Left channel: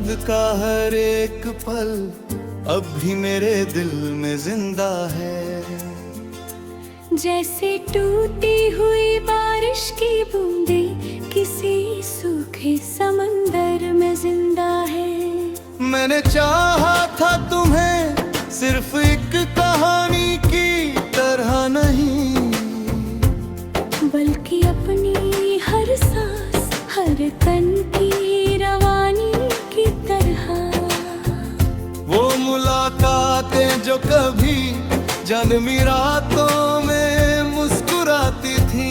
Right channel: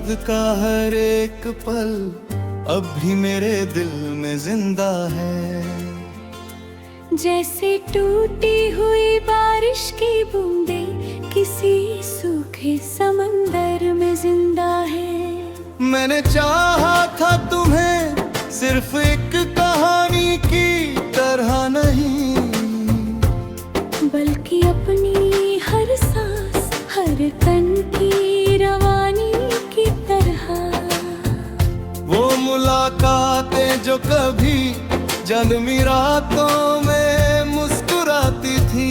याद का हर एक पल अब भी मेरे दिल में जिंदा है। जैसे टूटी हुई बारिश की बूंदें किसी सूखे समंदर में जिंदा है। मैंने चाहा था तुम्हें सिर्फ एक कहानी की तरह नहीं, बल्कि अपनी हर सांस हर कण की रवानी की तरह। वो मुलाकातें जो कभी जन्मी रातों में मुस्कुराती थी,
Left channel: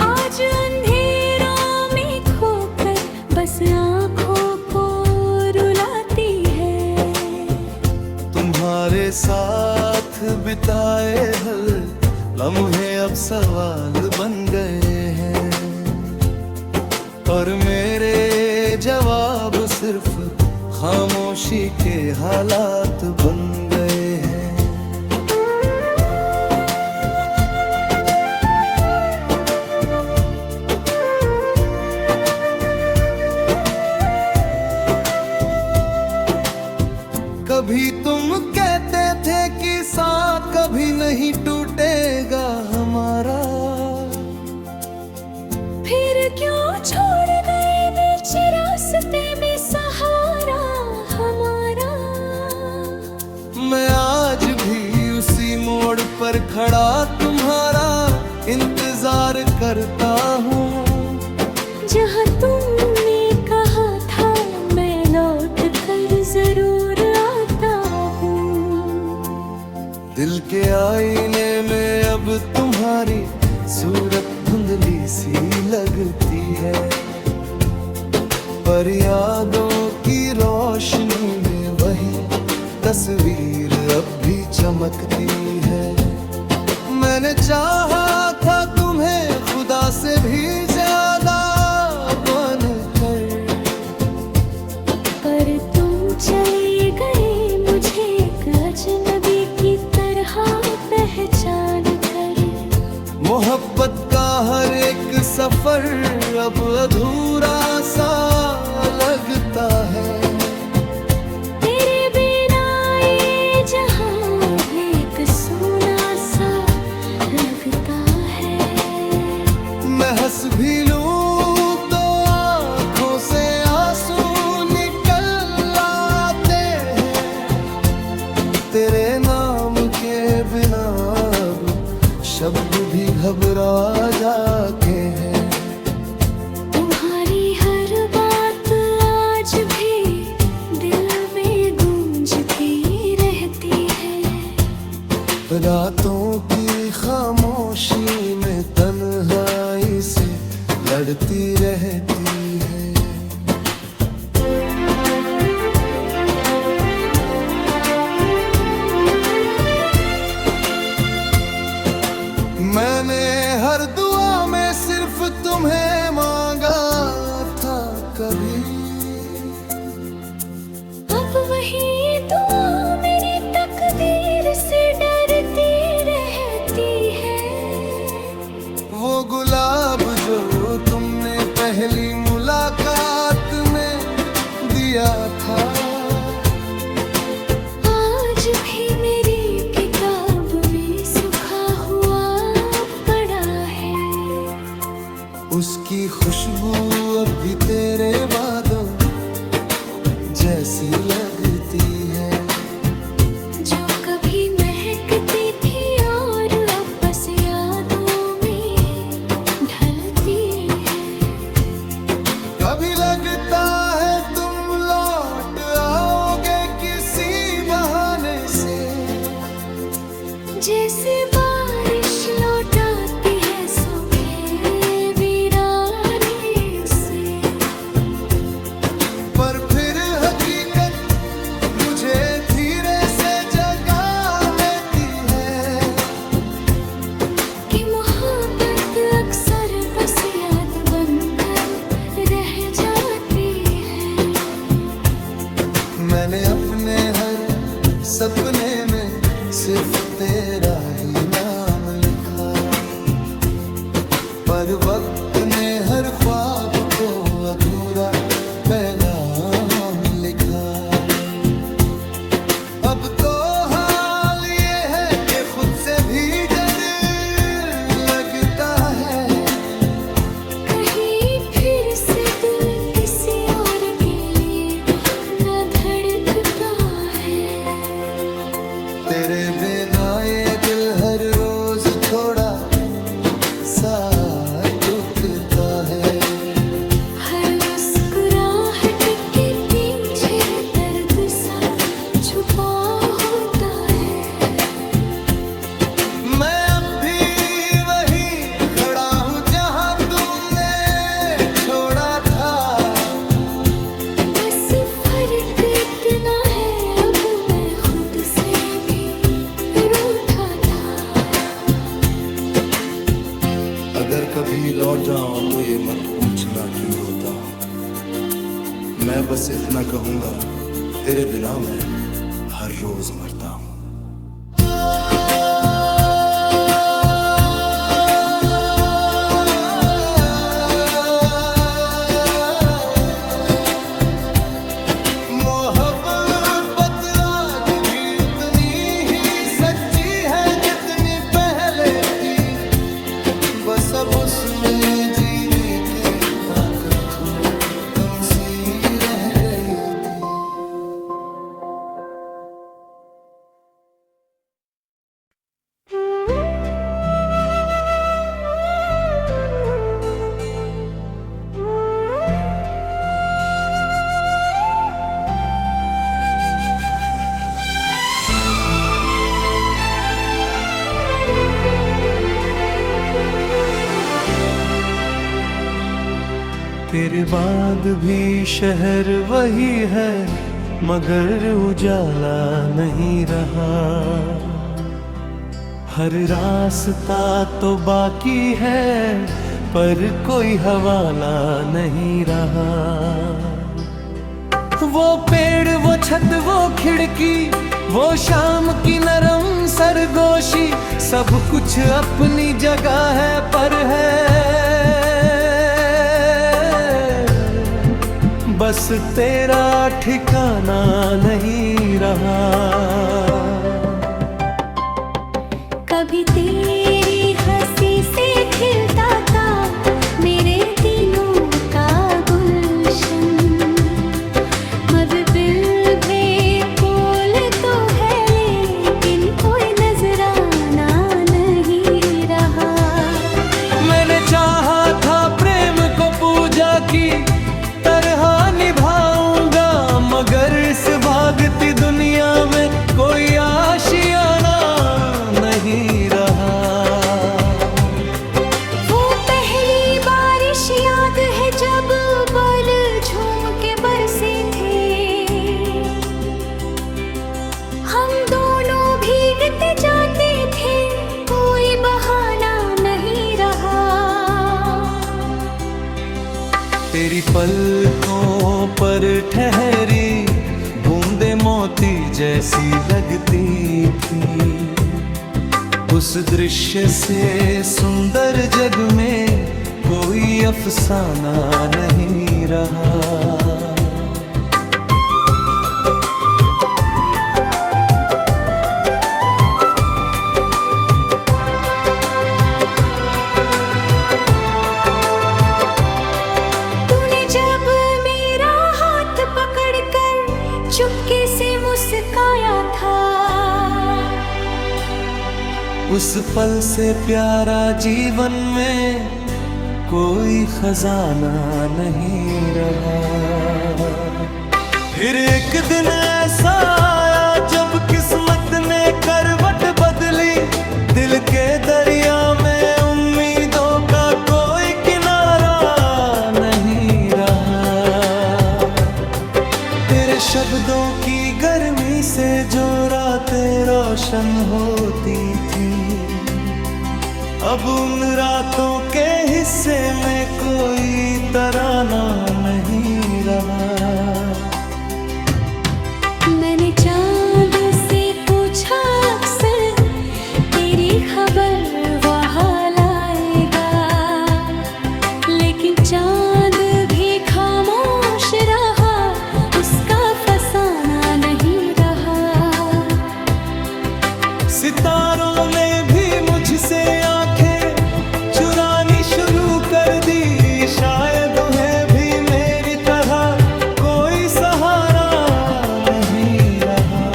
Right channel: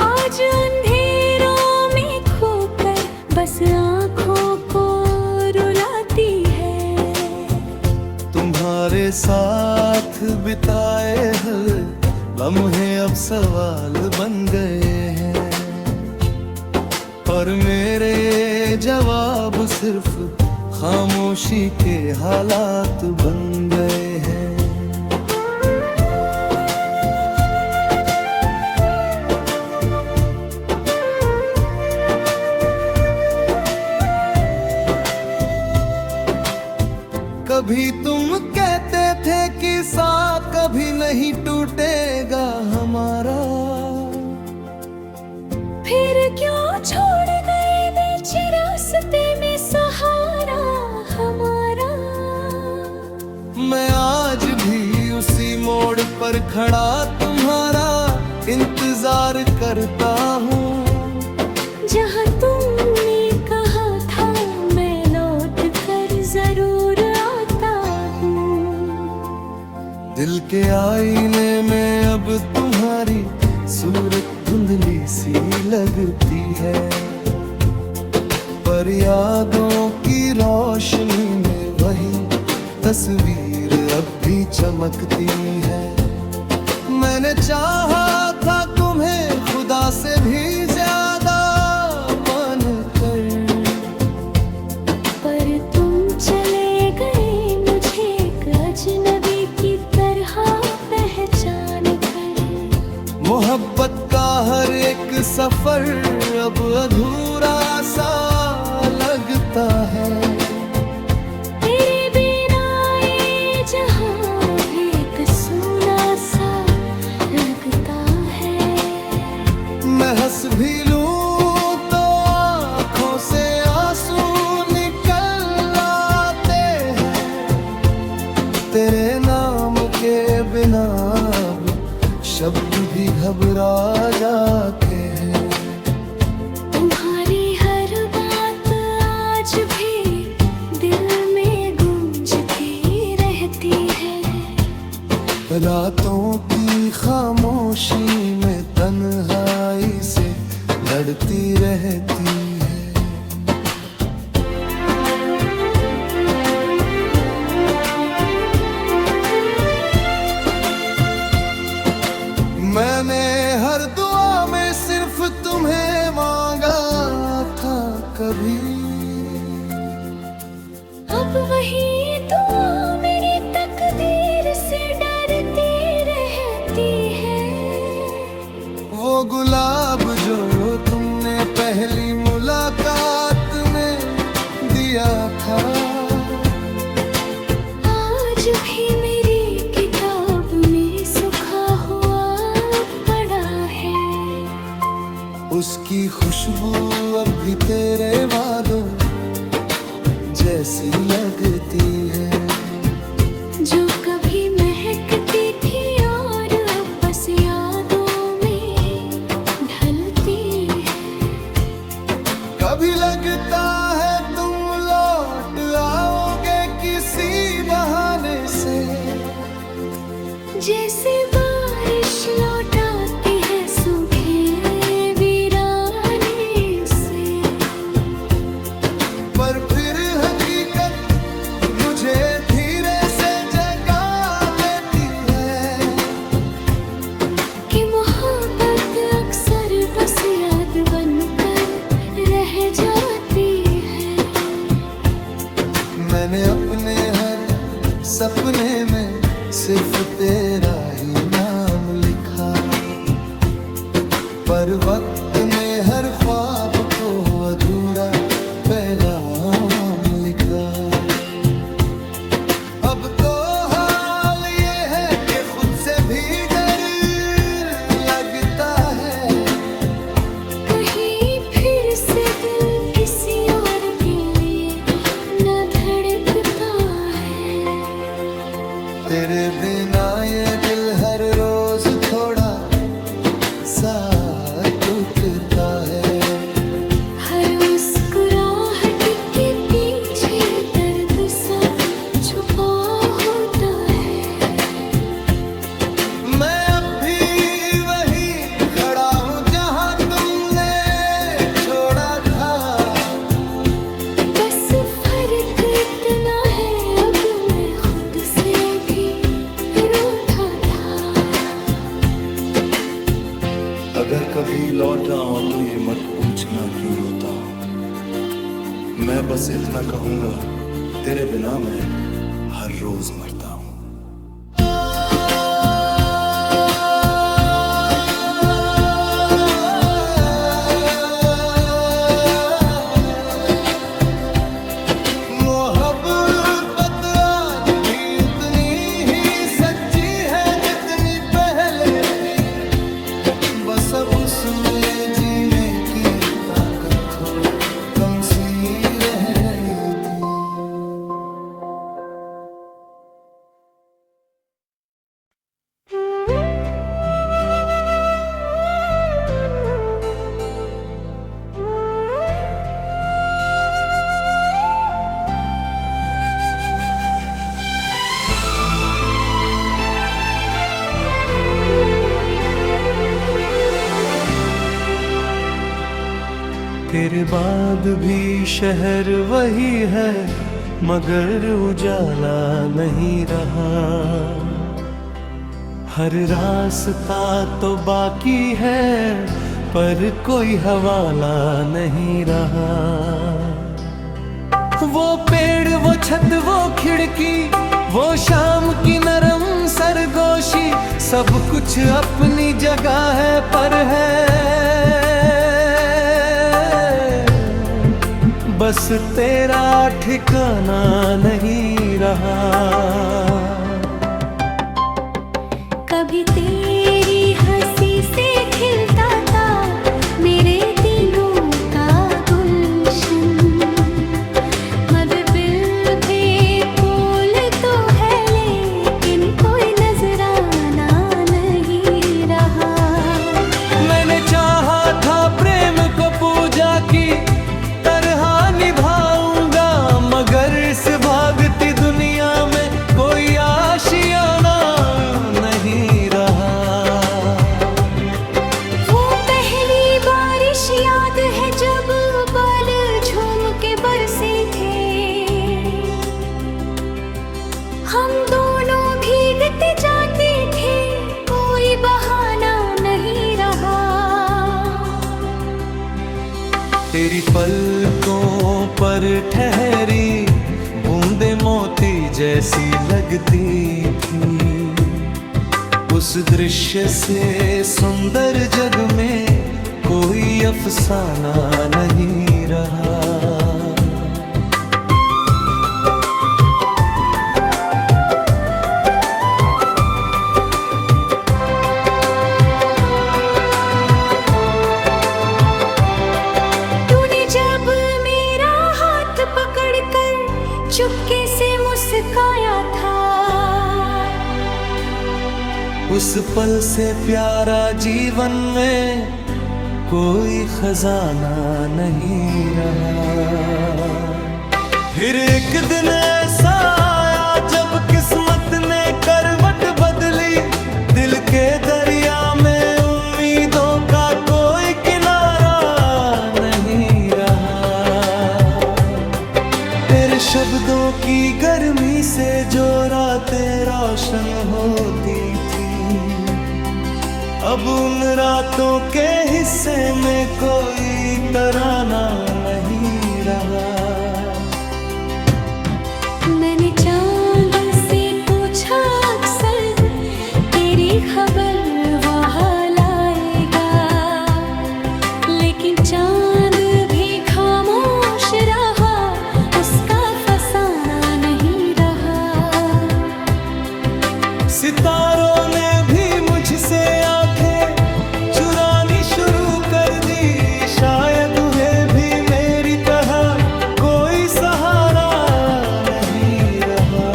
आज अंधेरों में खोकर बस आँखों को रुलाती है। तुम्हारे साथ बिताए हर लम्हे अब सवाल बन गए हैं, और मेरे जवाब सिर्फ खामोशी के हालात बन गए हैं। कभी तुम कहते थे कि साथ कभी नहीं टूटेगा हमारा, फिर क्यों छोड़ गए बीच रास्ते में सहारा हमारा। मैं आज भी उसी मोड़ पर खड़ा तुम्हारा इंतजार करता हूँ, जहाँ तुमने कहा था मैं लौट कर जरूर आता हूँ। दिल के आईने में अब तुम्हारी सूरत धुंधली सी लगती है, पर यादों की रोशनी में वही तस्वीर अब भी चमकती है। मैंने चाहा था तुम्हें खुदा से भी ज्यादा मान कर, पर तुम चले गए मुझे एक अजनबी की तरह पहचान कर। मोहब्बत का हर एक सफर अब अधूरा सा लगता है। तेरे बिना ये जहां भी एक सूना सा लगता है। मैं हंस भी लूं तो आँखों से आंसू निकल आते हैं, तेरे नाम के बिना अब शब्द भी घबरा जाते हैं। तुम्हारी हर बात आज भी दिल में गूंजती रहती है। रातों की खामोशी में तन्हाई से लड़ती रहती है। मैंने हर दुआ में सिर्फ तुम्हें मांगा था कभी, अब वही दुआ मेरी तकदीर से डरती रहती है। वो गुलाब जो तुमने पहली मुलाकात में दिया था, आज भी मेरी किताब में सूखा हुआ पड़ा है। उसकी खुशबू अब भी तेरे वादों जैसी लगती है, जो कभी महकती थी और अब बस यादों में ढलती है। कभी लगता है तुम लौट आओगे किसी बहाने से, जैसे बारिश लौट आती है सूखे वीराने से। पर फिर हकीकत मुझे धीरे से जगा देती है, कि मोहब्बत अक्सर बस याद बनकर रह जाती है। मैंने अपने हर सपने में सिर्फ तेरा ही नाम लिखा, पर वक्त ने हर ख्वाब को अधूरा पैगाम लिखा। अब तो हाल ये है कि खुद से भी डर लगता है, कहीं फिर से दिल किसी और के लिए न धड़कता है। तेरे बिना ये दिल हर रोज थोड़ा सा टूटता है। हर मुस्कुराहट के पीछे दर्द सा छुपा होता है। मैं अब भी वहीं खड़ा हूँ जहाँ तुमने छोड़ा था। बस फर्क इतना है अब मैं खुद से भी रूठा था। अगर कभी लौट जाओ तो ये मत पूछना क्यों रोता हूँ। मैं बस इतना कहूँगा, तेरे बिना मैं हर रोज मरता हूँ। मोहब्बत आज भी उतनी ही सच्ची है जितनी पहले थी। बस अब उसमें जीने की ताकत थोड़ी कम सी रह गई थी। तेरे बाद भी शहर वही है मगर उजाला नहीं रहा। हर रास्ता तो बाकी है पर कोई हवाला नहीं रहा। वो पेड़ वो छत वो खिड़की वो शाम की नरम सरगोशी, सब कुछ अपनी जगह है पर है बस तेरा ठिकाना नहीं रहा। कभी तेरी हंसी से खिलता था मेरे दिनों का गुलशन। महफिल पे फूल तो है लेकिन कोई नजराना नहीं रहा। मैंने चाहा था प्रेम को पूजा की तरह निभाऊंगा, मगर इस भागती दुनिया में कोई आशियाना नहीं रहा। वो पहली बारिश याद है जब बाल झूम के बरसे थे। हम दोनों भीगते जाते थे कोई बहाना नहीं रहा। तेरी पलकों पर ठहरी बूंदे मोती जैसी लगती थी। उस दृश्य से सुंदर जग में कोई अफसाना नहीं रहा। चुपके से मुस्काया था। उस पल से प्यारा जीवन में कोई खजाना नहीं रहा। फिर एक दिन ऐसा आया जब किस्मत ने करवट बदली। दिल के दरिया में उम्मीदों का कोई किनारा नहीं रहा। तेरे शब्दों की गर्मी से जो रातें रोशन होती थी, अब उन रातों के हिस्से में कोई तराना नहीं रहा। मैंने चांद से पूछा अक्सर तेरी खबर वहाँ लाएगा, लेकिन चांद भी खामोश रहा। से आंखें चुरानी शुरू कर दी। शायद उन्हें भी मेरी तरह कोई सहारा नहीं रहा।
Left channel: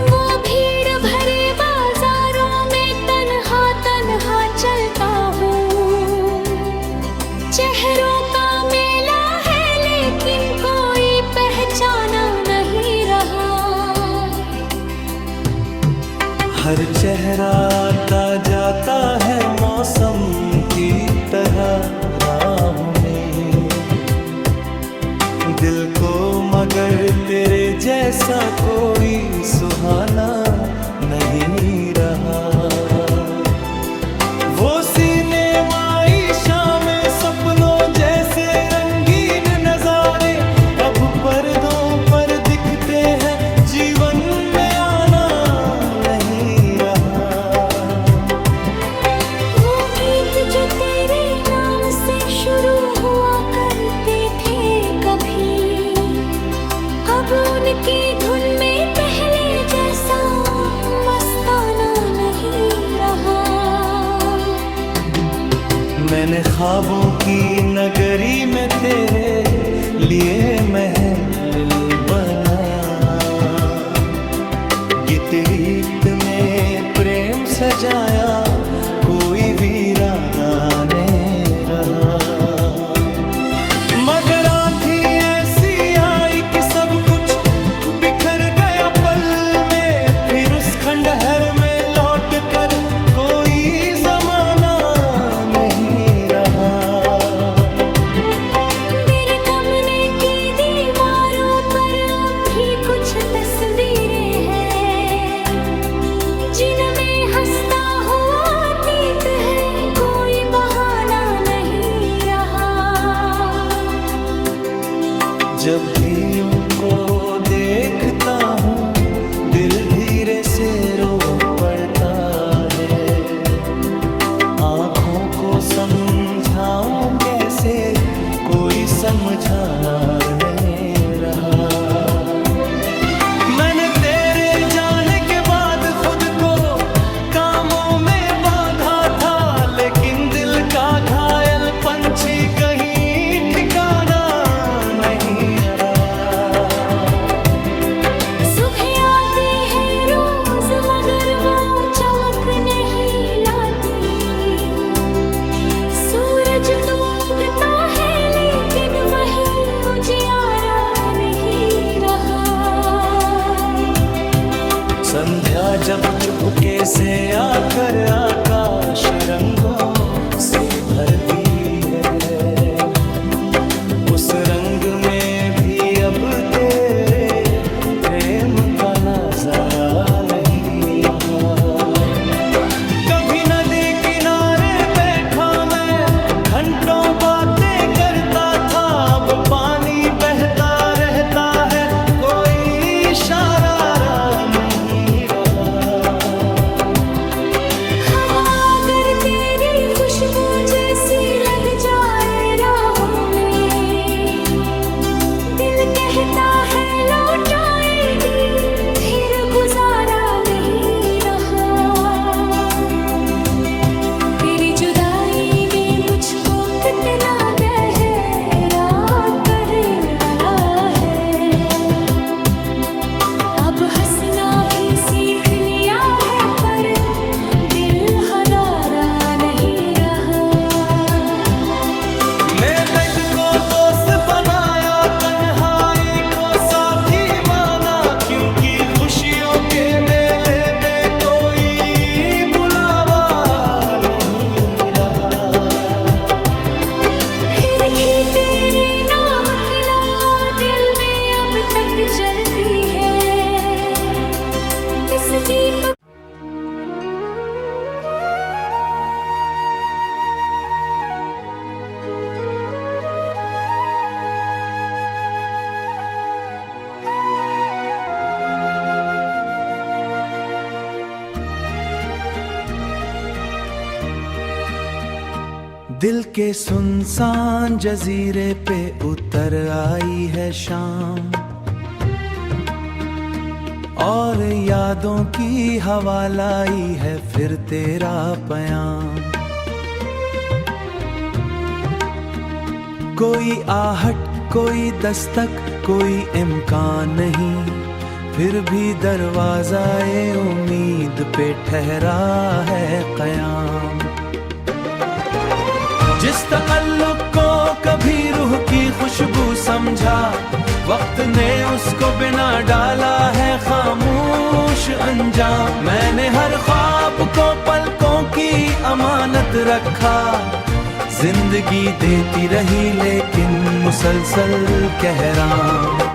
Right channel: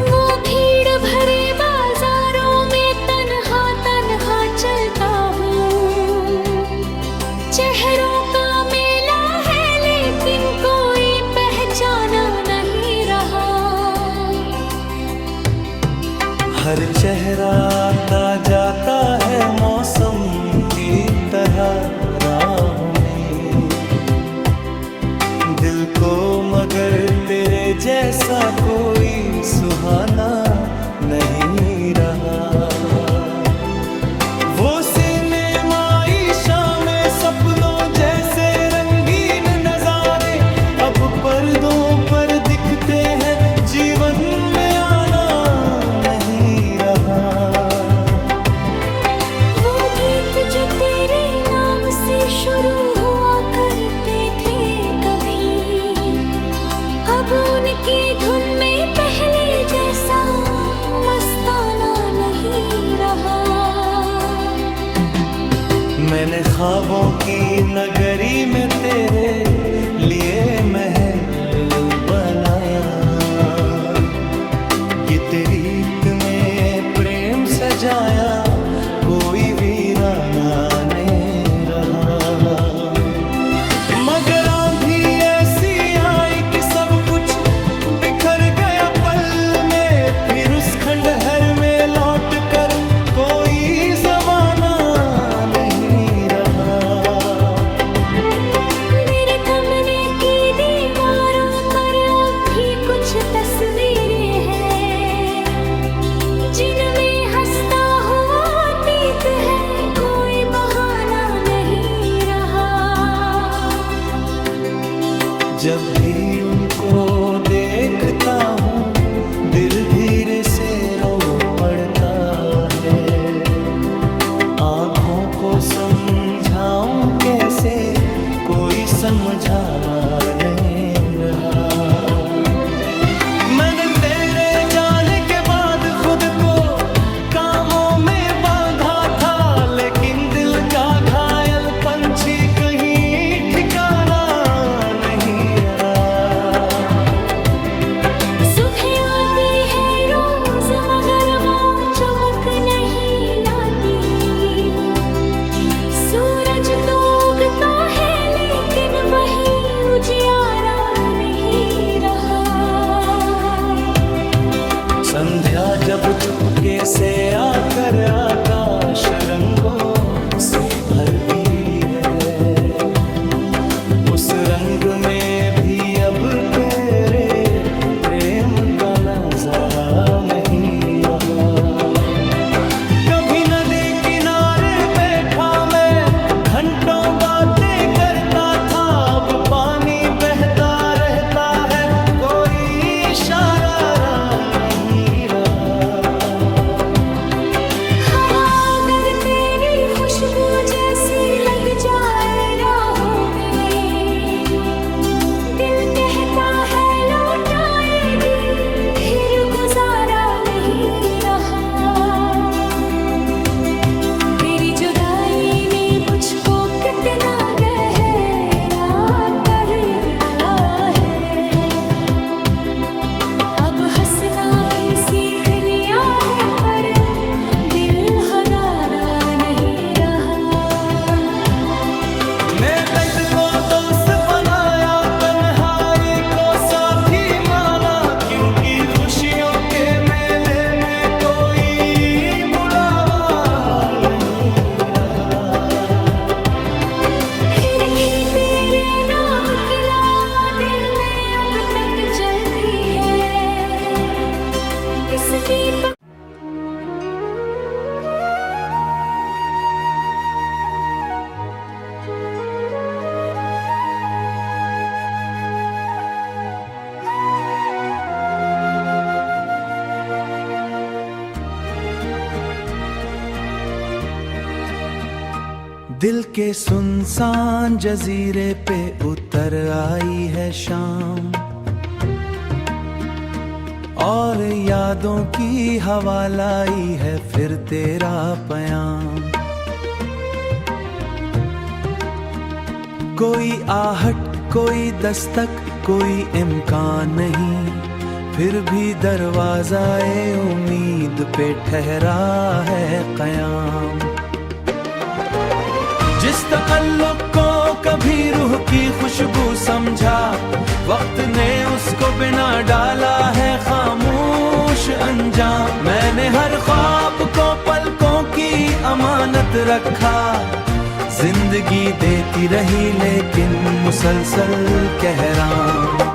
वो भीड़ भरे बाजारों में तन्हा तन्हा चलता हूँ। चेहरों का मेला है लेकिन कोई पहचाना नहीं रहा। हर चेहरा आता जाता है मौसम की तरह राहों में। दिल को मगर तेरे जैसा कोई सुहाना नहीं रहा। वो सिनेमाई शामें सपनों जैसे रंगीन नजारे अब पर्दों पर दिखते हैं, जीवन में आना नहीं रहा। वो गीत जो तेरे नाम से शुरू हुआ करते थे कभी, अब उनकी धुन में पहले जैसा मस्ताना नहीं रहा। मैंने ख्वाबों की नगरी में तेरे लिए महल बनाया। गितरीत में प्रेम सजाया, कोई वीराना नहीं रहा। मगर आंधी ऐसी आई कि सब कुछ बिखर गया पल में। फिर उस खंडहर में लौट कर कोई जमाना नहीं रहा। मेरे कमरे की दीवारों पर अब भी कुछ तस्वीरें हैं, जिनमें हंसता हुआ अतीत है, कोई बहाना नहीं रहा। जब भी उनको देखता हूँ दिल धीरे से रो पड़ता है। आँखों को समझाऊं कैसे, कोई समझाना नहीं रहा। मैंने तेरे जाने के बाद खुद को कामों में बांधा था, लेकिन दिल का घायल पंछी कहीं ठिकाना नहीं रहा। सुबह आती है रोज मगर वो चमक नहीं लाती। सूरज तो उगता है लेकिन वही उजियारा नहीं रहा। संध्या जब चुपके से आकर आकाश रंगों से भरती है, उस रंग में भी अब तेरे प्रेम का नजारा नहीं रहा। कभी नदी किनारे बैठा मैं घंटों बातें करता था, अब पानी बहता रहता है, कोई इशारा नहीं रहा। हवा अगर तेरी खुशबू जैसी लग जाए राहों में, दिल कहता है लौट आएगी, फिर गुजारा नहीं रहा। तेरी जुदाई ने मुझको कितना गहरा कर डाला है। अब हंसना भी सीख लिया है पर दिल हरारा नहीं रहा। मैं दर्द को दोस्त बनाया, तन्हाई को साथी माना, क्योंकि खुशियों के मेले में कोई बुलावा नहीं रहा। फिर भी तेरे नाम की ला दिल में अब तक चलती है। इस दीपक दिल के सुनसान जजीरे पे उतर आई है शाम, और यादों की हवा लाई है फिर तेरा पयाम। कोई आहट, कोई दस्तक, कोई इम्कान नहीं, फिर भी दरवाज़ाए उम्मीद पे ठहरा है क़याम। जिस तअल्लुक़ को कभी रूह की खुशबू समझा, वक्त ने उसको बिना डाला है खामोश अंजाम। मैंने हर ख्वाब को पलकों की अमानत रखा, जिंदगी देती रही लेकिन मुसलसल कहराम।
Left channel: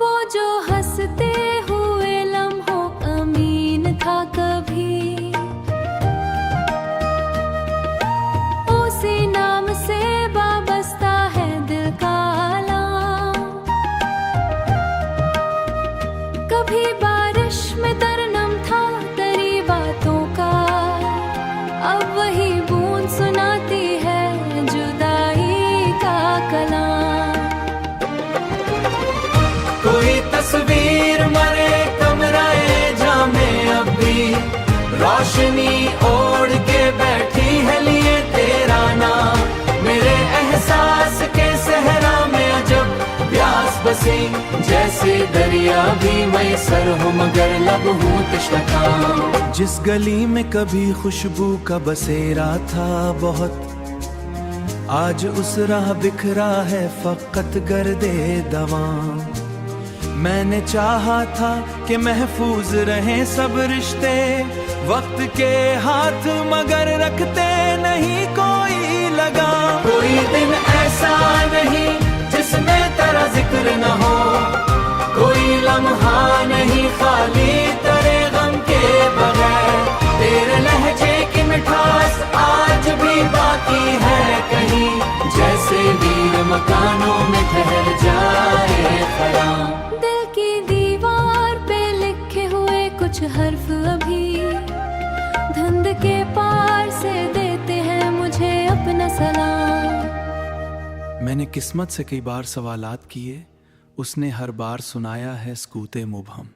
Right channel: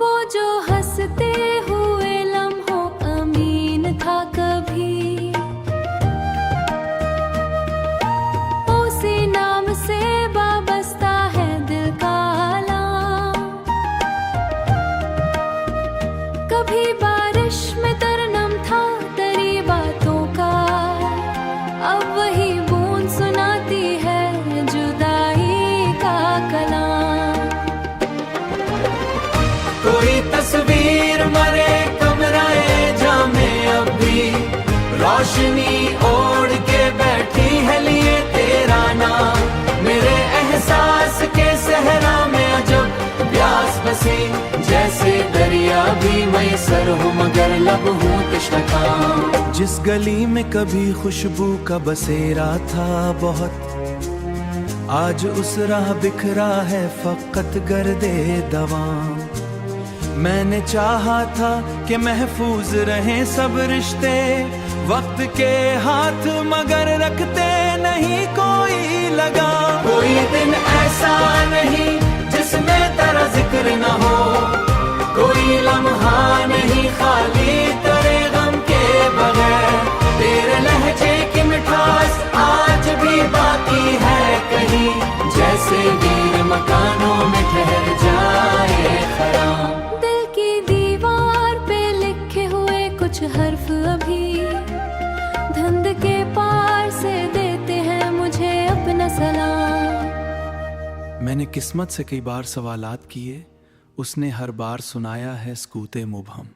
वो जो हंसते हुए लम्हों अमीन था कभी, उसी नाम से वाबस्ता है दिल का आलम। कभी बारिश में तरनम था तेरी बातों का, अब वही बूंद सुनाती है जुदाई का कलाम। कोई तस्वीर मरे कमराए जामे अभी, रोशनी ओढ़ के बैठी है लिए तेरा नाम। मेरे एहसास के सहरा में अजब प्यास बसी, जैसे दरिया भी मैसर हो मगर लब हूँ तश्नका। जिस गली में कभी खुशबू का बसेरा था बहुत, आज उस राह बिखरा है फकत गर्दे दवाम। मैंने चाहा था कि महफूज रहें सब रिश्ते वक्त के हाथ, मगर रखते नहीं कोई लगा। कोई दिन ऐसा नहीं जिसमें तेरा जिक्र न हो, कोई लम्हा नहीं खाली तेरे गम के बगैर। तेरे लहजे की मिठास आज भी बाकी है कहीं, जैसे वीर मकानों में ठहर जाए खराम। दिल की दीवार पे लिखे हुए कुछ हर्फ अभी, धुंध के पार से देते हैं मुझे अपना सलाम। मैंने किस्मत से कई बार सवालात किए, उसने हर बार सुनाया है सकूते मुबहम।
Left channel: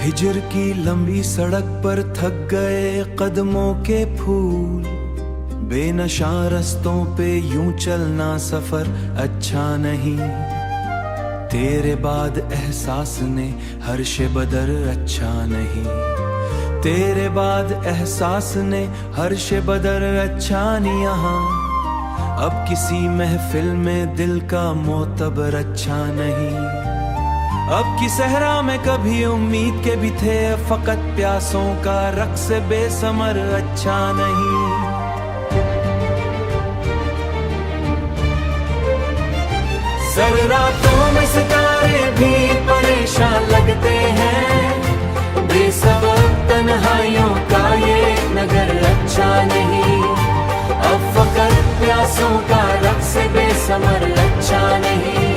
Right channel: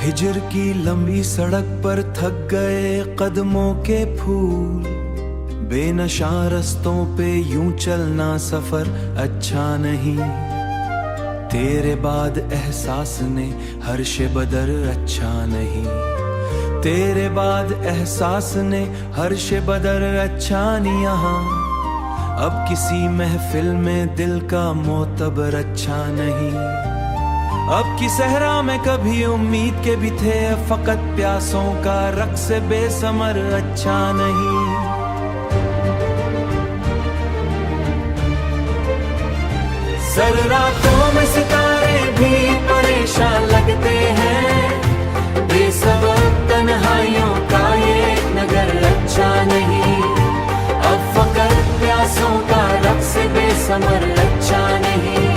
हिजर की लंबी सड़क पर थक गए कदमों के फूल, बेनशा रस्तों पे यूं चलना सफर अच्छा नहीं। तेरे बाद एहसास ने हर्ष बदर अच्छा नहीं, तेरे बाद एहसास ने हर्ष बदर अच्छा नहीं। यहाँ अब किसी महफिल में दिल का मोतबर अच्छा नहीं। अब की सहरा में कभी उम्मीद के भी थे फकत प्यासों का रक्स बेसमर अच्छा नहीं। सर रातों में सितारे भी परेशान लगते हैं, बेसबब तन्हाइयों का ये नगर अच्छा नहीं। अब फकत प्यासों का रक्स बेसमर अच्छा नहीं।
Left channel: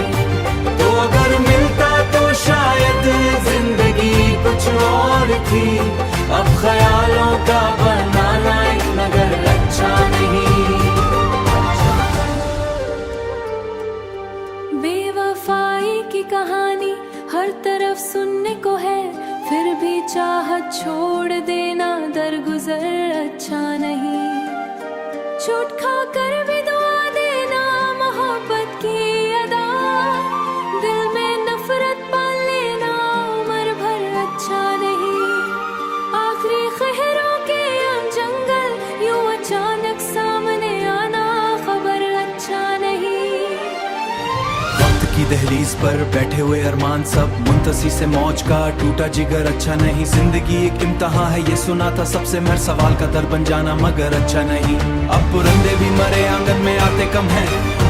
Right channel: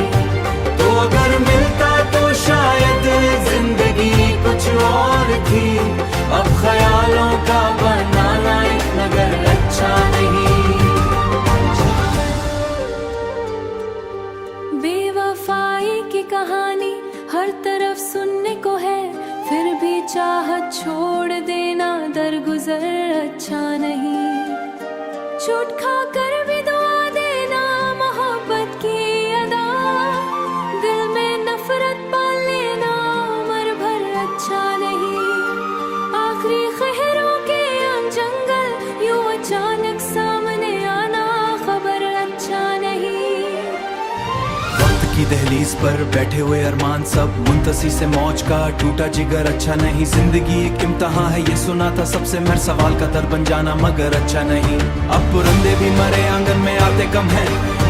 तो अगर मिलता तो शायद जिंदगी कुछ और थी, अब ख्यालों का बनाना एक नगर अच्छा नहीं। बेवफाई की कहानी हर तरफ सुनने को है, फिर भी चाहत छोड़ देना दरगुजर अच्छा नहीं। छूट खा कर भी दुआ देना मोहब्बत की अदा, दिल में नफरत पाल लेना उम्र भर अच्छा नहीं। आखिरी खहरों के आम जंगल यूं अचानक सामने आना खबर अच्छा नहीं। वक्त की दहलीज पर बैठे हुए अरमान सब मुंतसी से मौज का टूटा जिगर अच्छा नहीं। जिंदगी एक इम्तिहान है ये सुना था सबसे, मर सवाल का दर बन जाना मगर अच्छा नहीं। अब पुरंदे भी मरे आंगन में आते कम हैं,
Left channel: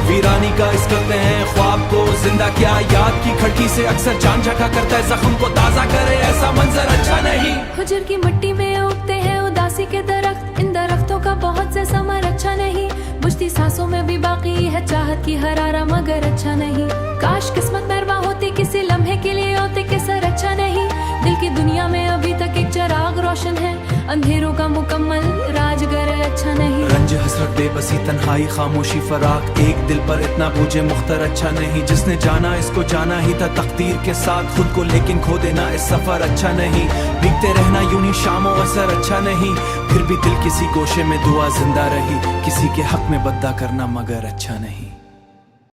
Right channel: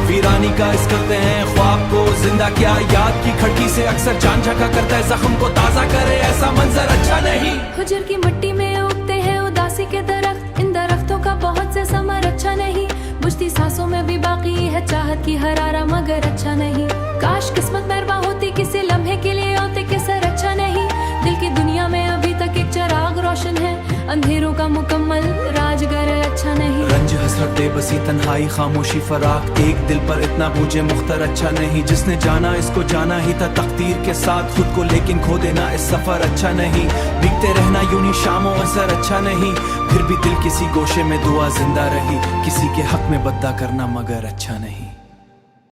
वीरानी का इस करते हैं ख्वाब को जिंदा क्या। याद की खिड़की से अक्सर जान झका करता है, जख्म को ताजा करे ऐसा मंजर अच्छा नहीं। हुजर की मिट्टी में उगते हैं उदासी के दरख्त, इन दरख्तों का बहुत से समर अच्छा नहीं। बुझती सांसों में भी बाकी है चाहत की हरारा, मगर अच्छा नहीं। काश किस्मत मेहरबान होती, किसी लम्हे के लिए होते कि सर अच्छा नहीं। दिल की दुनिया में अभी तक एक चिराग रोशन है, अंधेरों का मुकम्मल राजगर अच्छा नहीं। रंज हसरत बेबसी तन्हाई खामोशी फराक, एक दिल पर इतना बोझे मुख्तर अच्छा नहीं। जिसने जाना इसको जाना ही था तकदीर के साथ खुद को, लेकिन खो देना इस सफर अच्छा नहीं। बीतते रहना यूं ही शामों असर अच्छा नहीं, फिर भी दिल किसी गोशे में दुआ जिंदा रही। किसी के हक में बद्दा करना मगर अच्छा नहीं।